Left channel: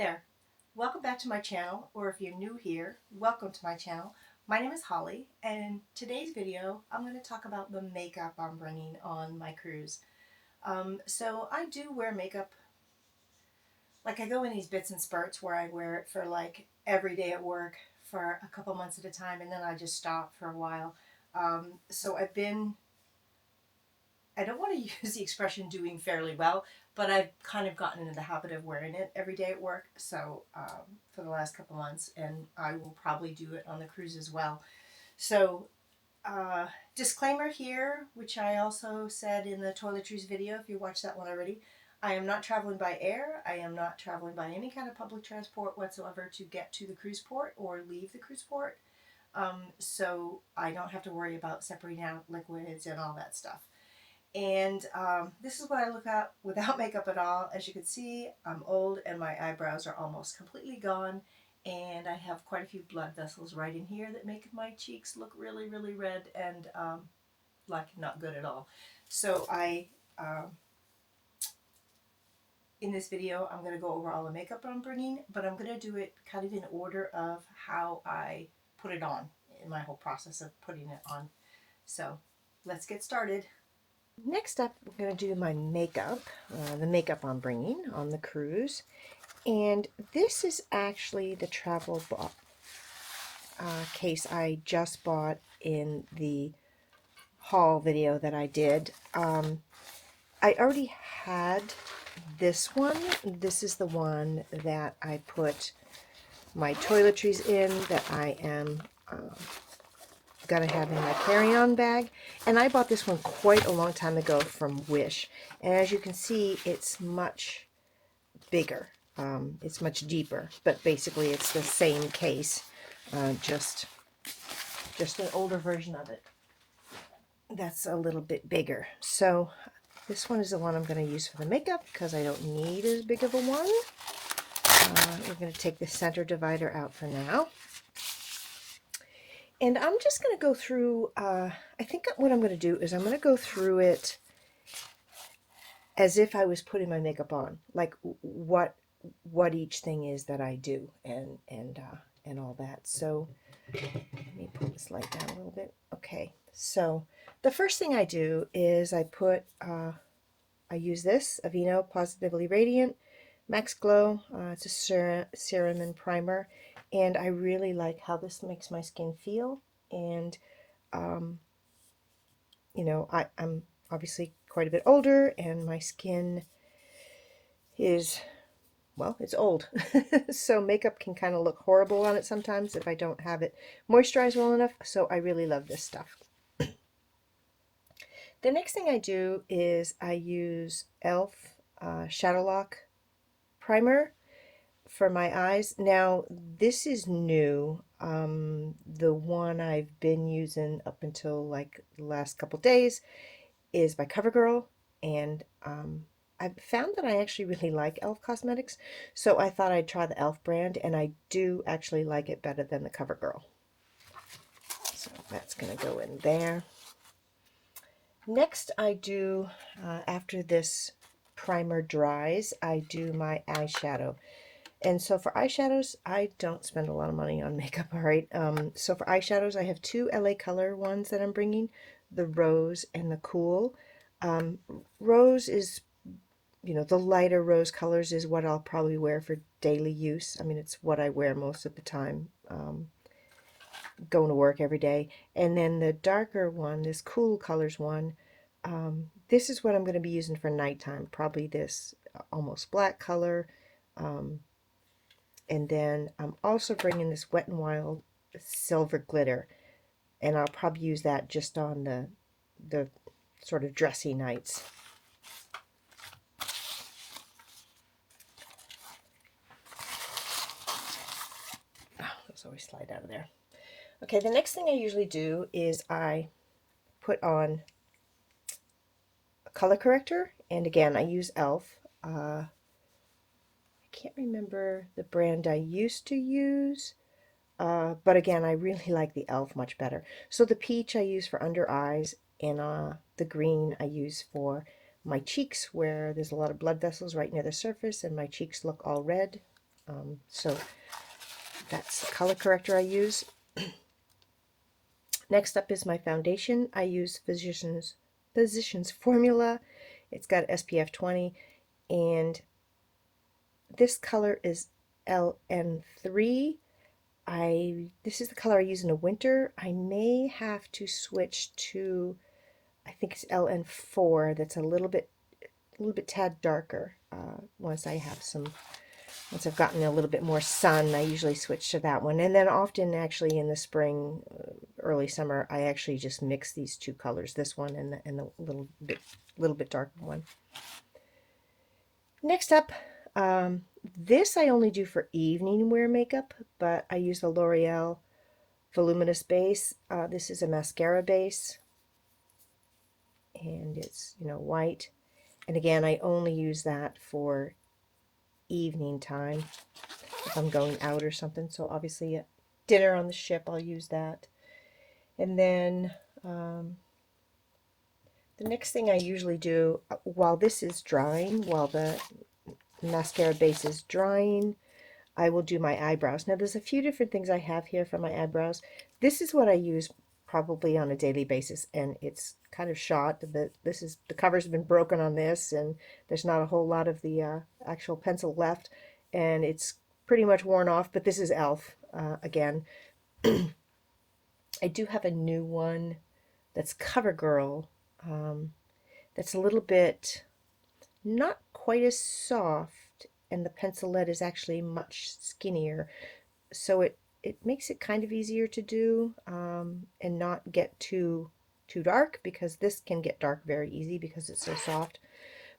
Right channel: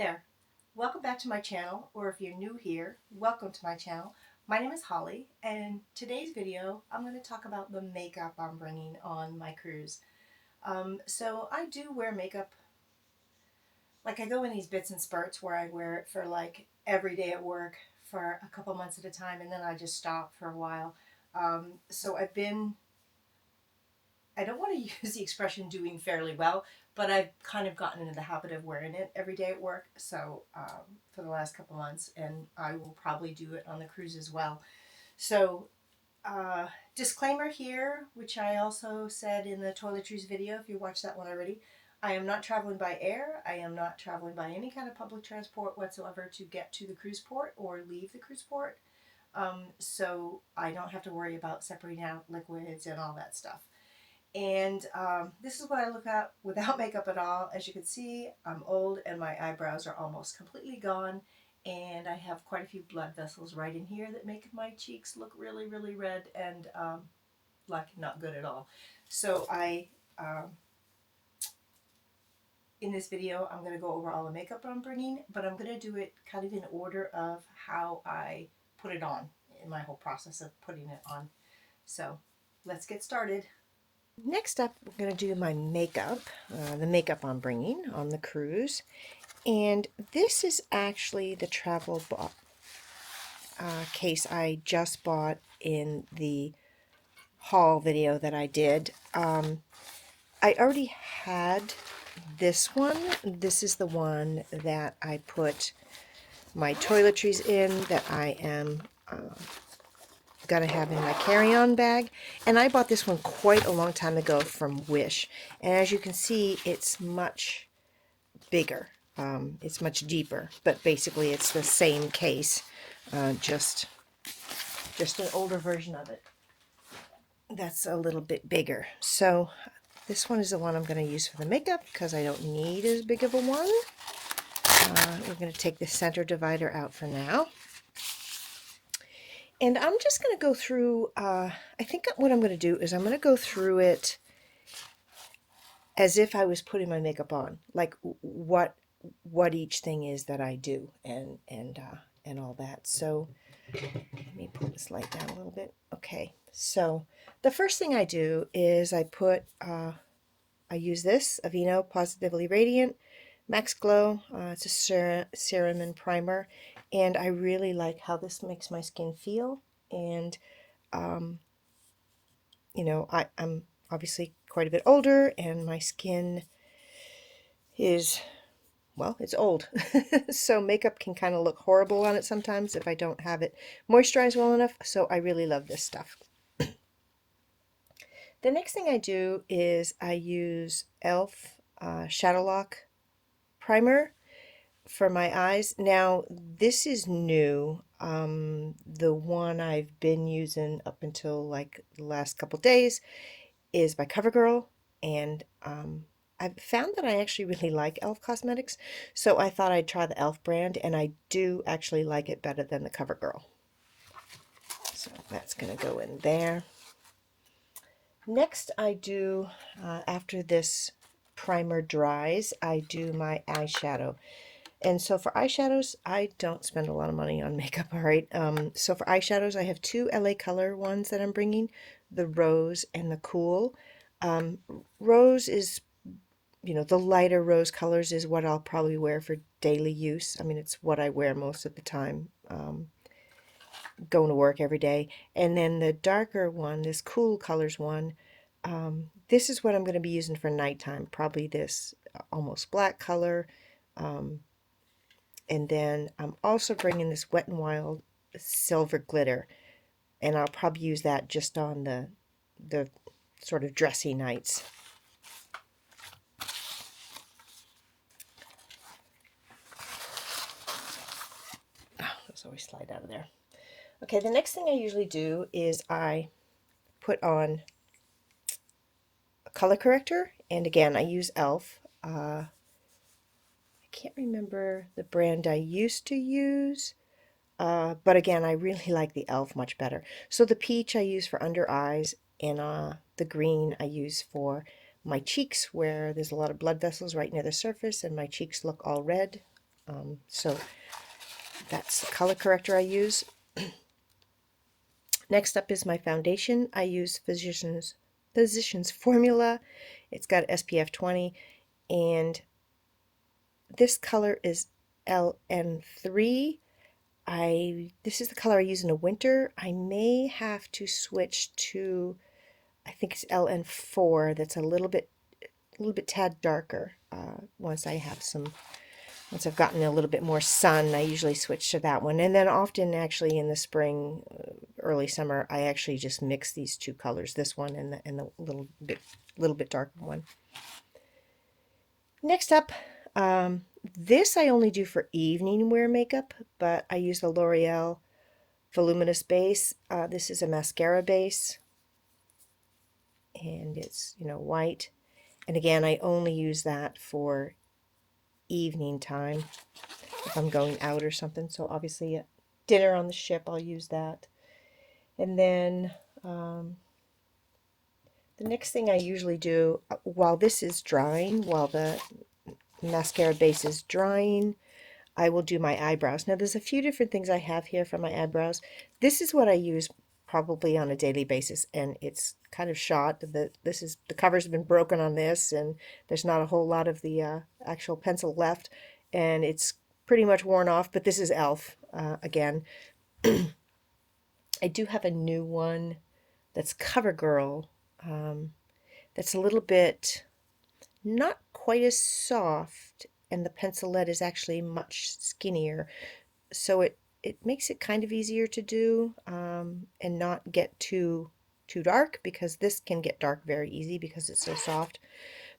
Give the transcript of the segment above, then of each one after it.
there, welcome back to my channel, or if you're new here, welcome to my channel. My name is Holly, and in today's video I'm going to talk about the makeup I'm bringing on my cruise. So I do wear makeup, like I go in these bits and spurts where I wear it for like every day at work for a couple months at a time, and then I just stop for a while. So I don't want to use the expression doing fairly well, but I've kind of gotten into the habit of wearing it every day at work. So for the last couple months, and I will probably do it on the cruise as well. So disclaimer here, which I also said in the toiletries video, if you watched that one already, I am not traveling by air. I am not traveling by any kind of public transport whatsoever to get to the cruise port or leave the cruise port. So I don't have to worry about separating out liquids and all that stuff. And this is what I look at without makeup at all. As you can see, I'm old and my eyebrows are almost completely gone. And I have quite a few blood vessels right in here that make my cheeks look really, really red and like not good at all. So in this video, I'm going to go over all the makeup I'm bringing, but I'm going to do it kind of in order of how I put it on in my whole process of putting it on. So let's get started. Next up, we're going to do my makeup, the makeup I'm bringing on the cruise. And this is actually the travel case I just bought in the haul video that I did. I already had this one. This is the one that I put my toiletries in that I am going to have in my carry-on bag. And I bought this one quite a long time ago from Wish. And as you can see, it's much bigger. It's much deeper, but basically it's the same case, just an older version of it that's a little bit bigger. So this one is the one I'm going to use for the makeup because I don't need as big of a one. We're going to take the center divider out for now. And I'm just going to go through, I think what I'm going to do is I'm going to go through it as if I was putting my makeup on, like what each thing is that I do and all that. So let me pull this light down a little bit. Okay, so the first thing I do is I put, I use this Aveeno Positively Radiant MaxGlow. It's a serum and primer, and I really like how this makes my skin feel. And you know, I'm obviously quite a bit older, and my skin is, well, it's old. So makeup can kind of look horrible on it sometimes if I don't have it moisturized well enough. So I really love this stuff. The next thing I do is I use e.l.f. Shadow Lock Primer for my eyes. Now, this is new. The one I've been using up until like the last couple days is by CoverGirl, and I've found that I actually really like e.l.f. cosmetics, so I thought I'd try the e.l.f. brand, and I do actually like it better than the CoverGirl. So that's going to go in there. Next, I do, after this primer dries, I do my eyeshadow. And so for eyeshadows, I don't spend a lot of money on makeup, all right? So for eyeshadows, I have two LA Color ones that I'm bringing, the Rose and the Cool. Rose is, you know, the lighter rose colors is what I'll probably wear for daily use. I mean, it's what I wear most of the time, going to work every day. And then the darker one, this Cool Colors one, this is what I'm going to be using for nighttime, probably this almost black color. And then I'm also bringing this Wet n Wild silver glitter, and I'll probably use that just on the sort of dressy nights. Oh, those always slide out of there. Okay, the next thing I usually do is I put on a color corrector, and again, I use e.l.f. I can't remember the brand I used to use, but again, I really like the e.l.f. much better. So the peach I use for under eyes, and the green I use for my cheeks, where there's a lot of blood vessels right near the surface, and my cheeks look all red. So that's the color corrector I use. Next up is my foundation. I use Physicians Formula. It's got SPF 20, and this color is LN3. This is the color I use in the winter. I may have to switch to, I think it's LN4. That's a little bit tad darker. Once I've gotten a little bit more sun, I usually switch to that one. And then often, actually, in the spring, early summer, I actually just mix these two colors, this one and the little bit darker one. Next up, this I only do for evening wear makeup, but I use the L'Oreal Voluminous base. This is a mascara base, and it's, white. And again, I only use that for evening time if I'm going out or something. So obviously at dinner on the ship, I'll use that. And then the next thing I usually do while this is drying, while the mascara base is drying, I will do my eyebrows. Now there's a few different things I have here for my eyebrows. This is what I use probably on a daily basis, and it's kind of shot. The cover's been broken on this, and there's not a whole lot of the actual pencil left, and it's pretty much worn off. But this is e.l.f. Again. I do have a new one that's CoverGirl. That's a little bit not quite as soft, and the pencil lead is actually much skinnier, so it makes it kind of easier to do and not get too dark, because this can get dark very easy because it's so soft.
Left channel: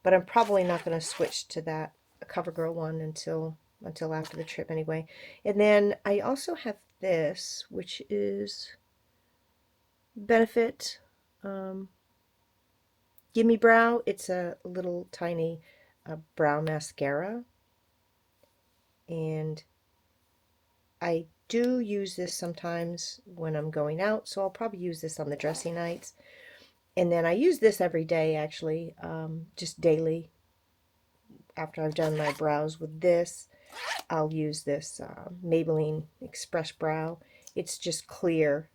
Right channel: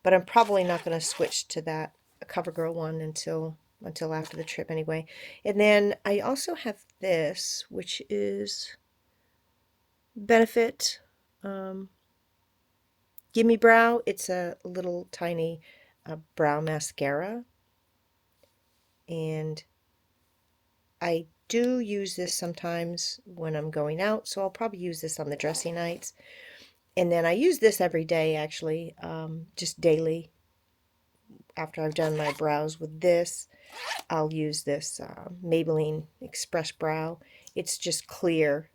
But I'm probably not going to switch to that CoverGirl one until after the trip anyway. And then I also have this, which is Benefit Gimme Brow. It's a little tiny brow mascara, and I do use this sometimes when I'm going out, so I'll probably use this on the dressy nights. And then I use this every day, actually, just daily. After I've done my brows with this, I'll use this Maybelline Express Brow. It's just clear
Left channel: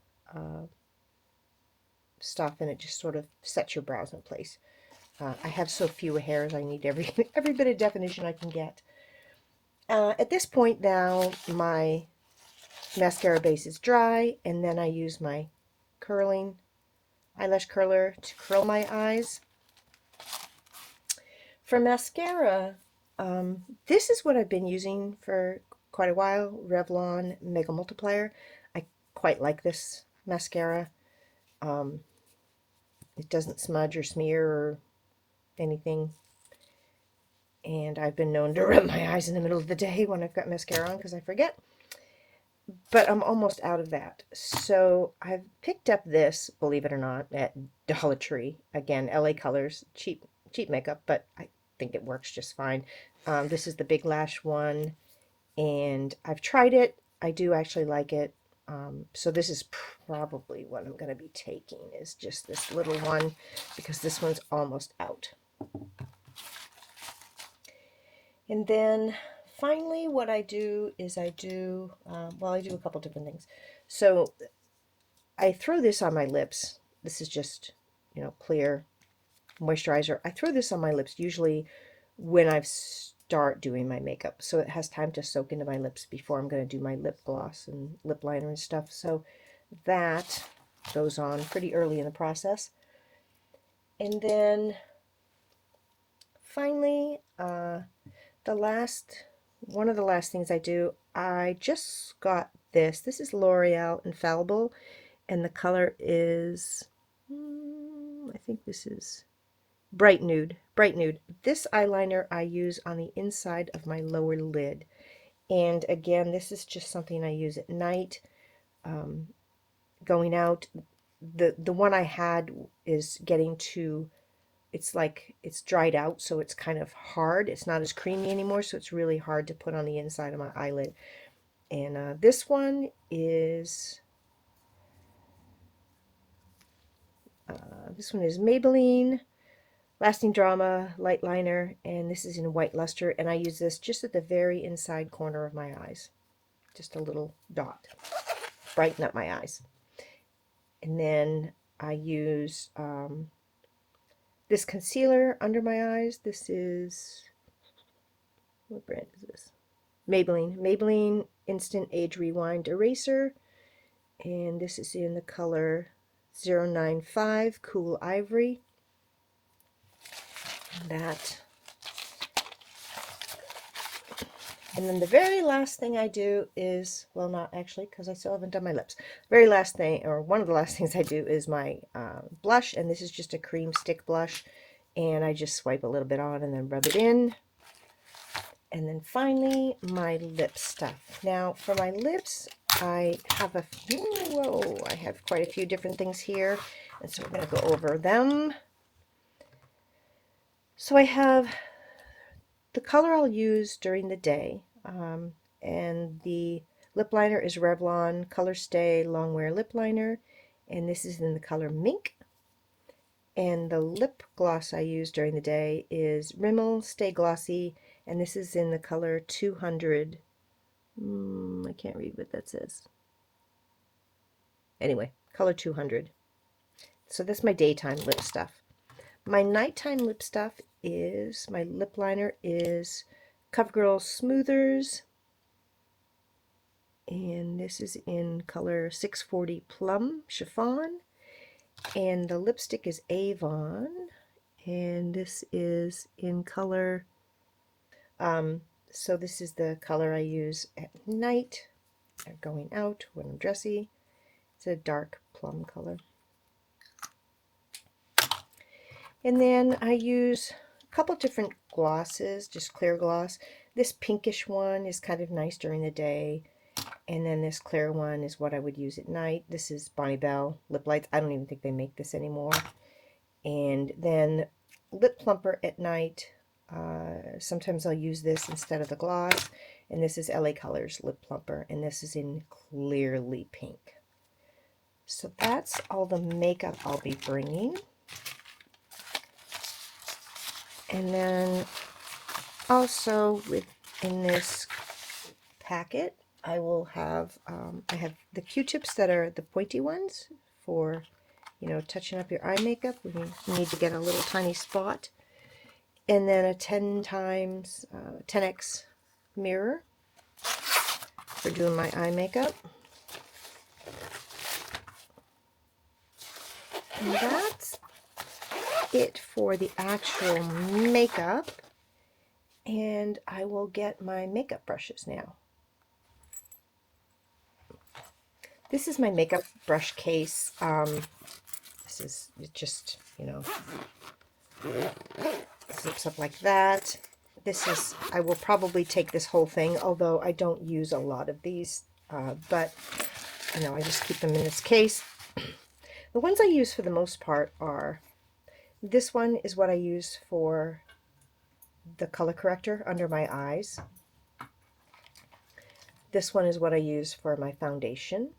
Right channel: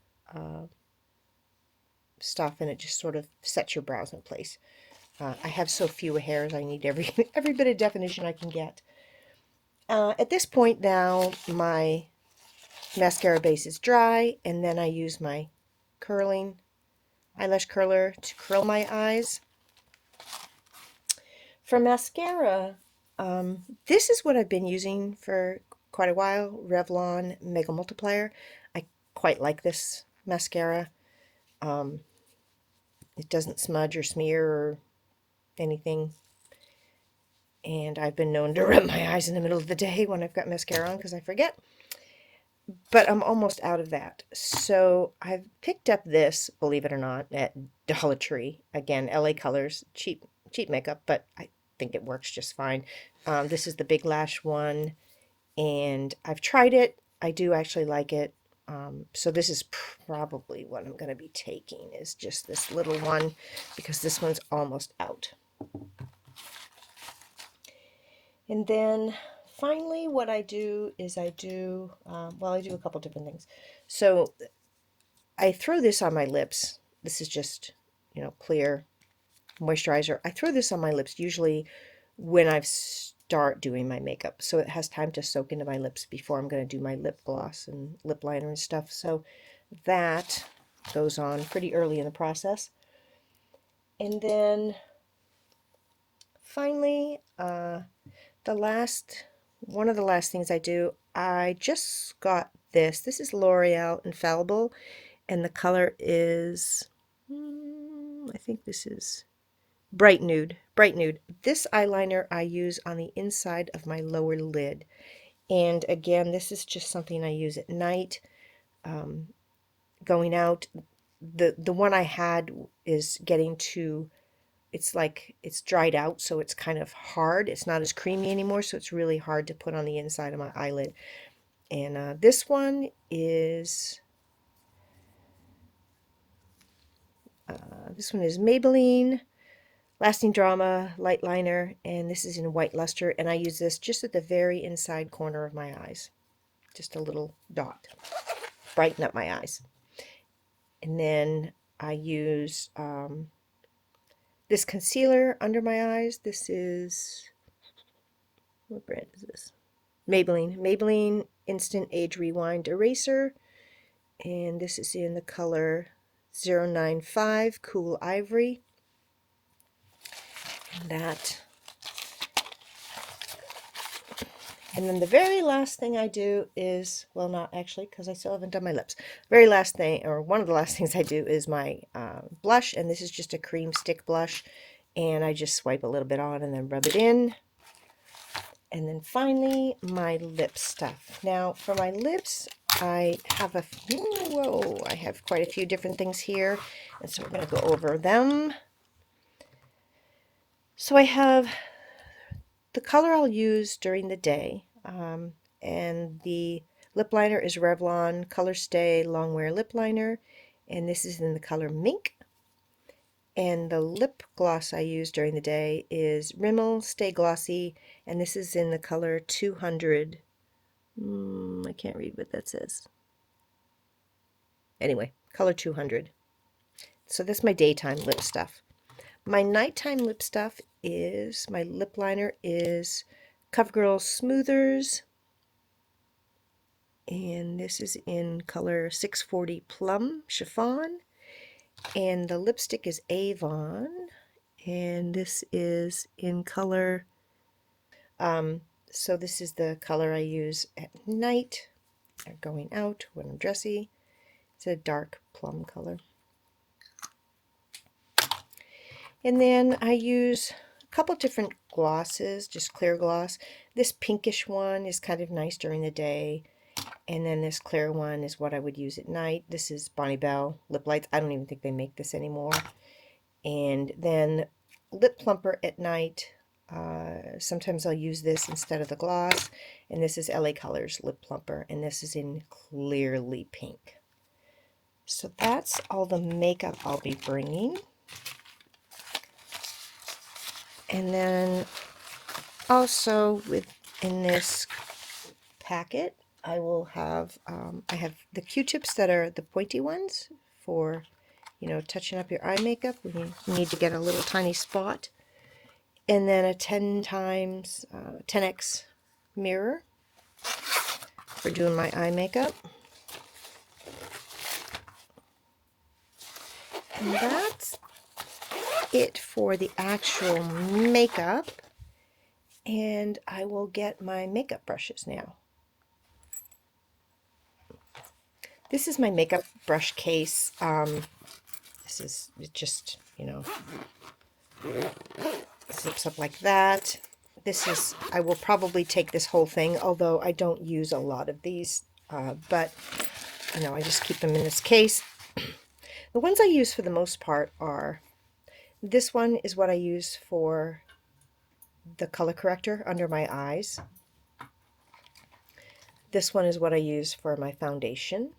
stuff, and it just sort of sets your brows in place. I have so few hairs, I need every bit of definition I can get. At this point now, my mascara base is dry, and then I use my eyelash curler to curl my eyes. For mascara, this is what I've been using for quite a while, Revlon Mega Multiplier. I quite like this mascara. It doesn't smudge or smear or anything. And I've been known to rub my eyes in the middle of the day when I've got mascara on because I forget. But I'm almost out of that. So I've picked up this, believe it or not, at Dollar Tree. Again, LA Colors, cheap makeup, but I think it works just fine. This is the Big Lash one, and I've tried it. I do actually like it. So this is probably what I'm going to be taking, is just this little one, because this one's almost out. And then finally what I do is I do a couple different things. So I throw this on my lips. This is just, clear moisturizer. I throw this on my lips usually when I start doing my makeup, so it has time to soak into my lips before I'm going to do my lip gloss and lip liner and stuff. So that goes on pretty early in the process. And then finally, one of the last things I do, I just got this. This is L'Oreal Infallible, and the color is, I think this is Bright Nude. This eyeliner I use on the inside of my lower lid. And again, this is just something I use at night, going out. The one I had is getting to, it's like it's dried out, so it's kind of hard. It's not as creamy anymore, so it's really hard to put on the inside of my eyelid. And this one is Maybelline Lasting Drama light liner, and this is in White Luster, and I use this just at the very inside corner of my eyes. Just a little dot. Brighten up my eyes. And then I use this concealer under my eyes. This is, what brand is this? Maybelline. Maybelline Instant Age Rewind Eraser. And this is in the color 095 Cool Ivory. That. And then the very last thing I do is, well, not actually, because I still haven't done my lips. Very last thing, or one of the last things I do is my blush, and this is just a cream stick blush, and I just swipe a little bit on and then rub it in. And then finally, my lip stuff. Now, for my lips, I have I have quite a few different things here, and so we're going to go over them. So I have the color I'll use during the day, and the lip liner is Revlon Colorstay Longwear Lip Liner, and this is in the color Mink. And the lip gloss I use during the day is Rimmel Stay Glossy, and this is in the color 200. I can't read what that says. Anyway, color 200. So this is my daytime lip stuff. My nighttime lip stuff is, my lip liner is CoverGirl Smoothers, and this is in color 640 Plum Chiffon, and the lipstick is Avon, and this is in color, so this is the color I use at night, or going out when I'm dressy. It's a dark plum color. And then I use a couple different glosses, just clear gloss. This pinkish one is kind of nice during the day. And then this clear one is what I would use at night. This is Bonnie Bell Lip Lights. I don't even think they make this anymore. And then Lip Plumper at night. Sometimes I'll use this instead of the gloss. And this is LA Colors Lip Plumper. And this is in Clearly Pink. So that's all the makeup I'll be bringing. And then also within this packet, I will have, I have the Q-tips that are the pointy ones for, you know, touching up your eye makeup when you need to get a little tiny spot. And then a 10x mirror for doing my eye makeup. And that's it for the actual makeup, and I will get my makeup brushes now. This is my makeup brush case. This is just, you know, flips up like that. This is, I will probably take this whole thing, although I don't use a lot of these, but you know, I just keep them in this case. The ones I use for the most part are, this one is what I use for the color corrector under my eyes. This one is what I use for my foundation.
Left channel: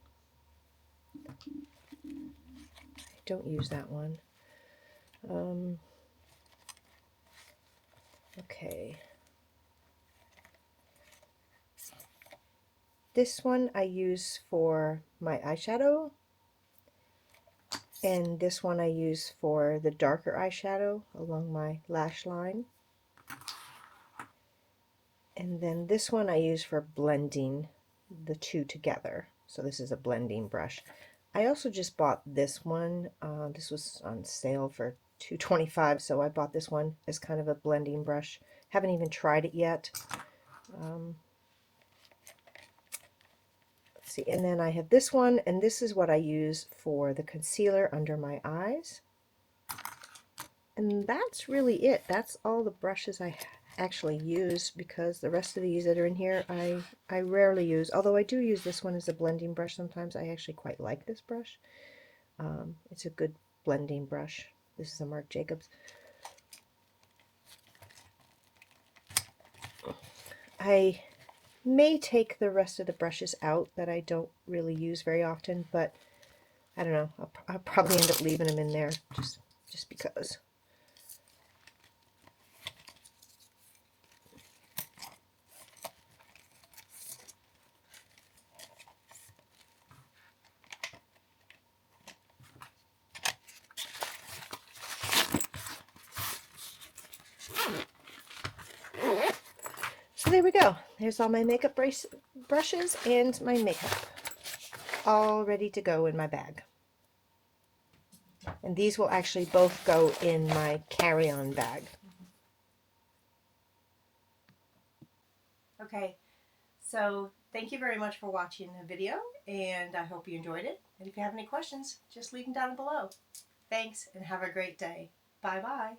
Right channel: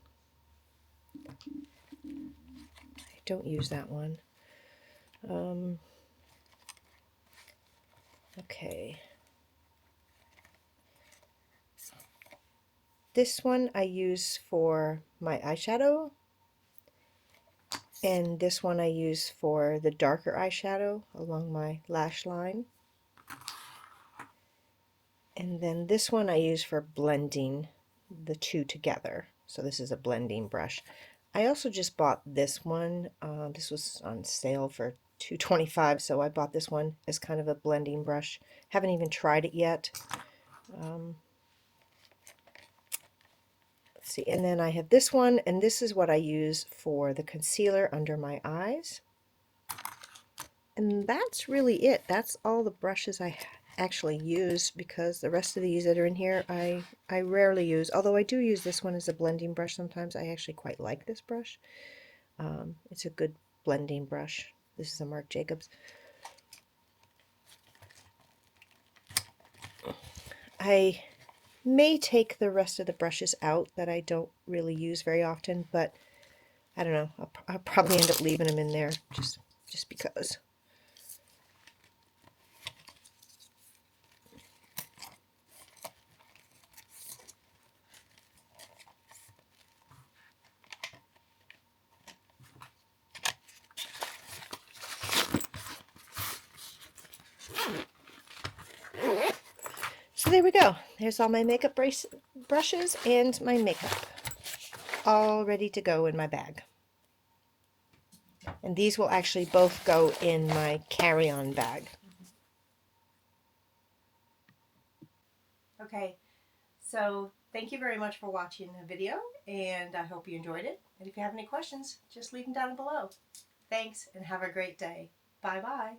I don't use that one. Okay. This one I use for my eyeshadow. And this one I use for the darker eyeshadow along my lash line. And then this one I use for blending the two together. So this is a blending brush. I also just bought this one. This was on sale for $2.25, so I bought this one as kind of a blending brush. Haven't even tried it yet. Let's see, and then I have this one, and this is what I use for the concealer under my eyes. And that's really it. That's all the brushes I actually use, because the rest of these that are in here I rarely use, although I do use this one as a blending brush sometimes. I actually quite like this brush. It's a good blending brush. This is a Marc Jacobs. I may take the rest of the brushes out that I don't really use very often, but I don't know, I'll probably end up leaving them in there just because. So there we go. There's all my makeup brushes and my makeup. All ready to go in my bag. And these will actually both go in my carry-on bag. Okay, so thank you very much for watching the video, and I hope you enjoyed it. And if you have any questions, just leave them down below. Thanks, and have a great day. Bye-bye.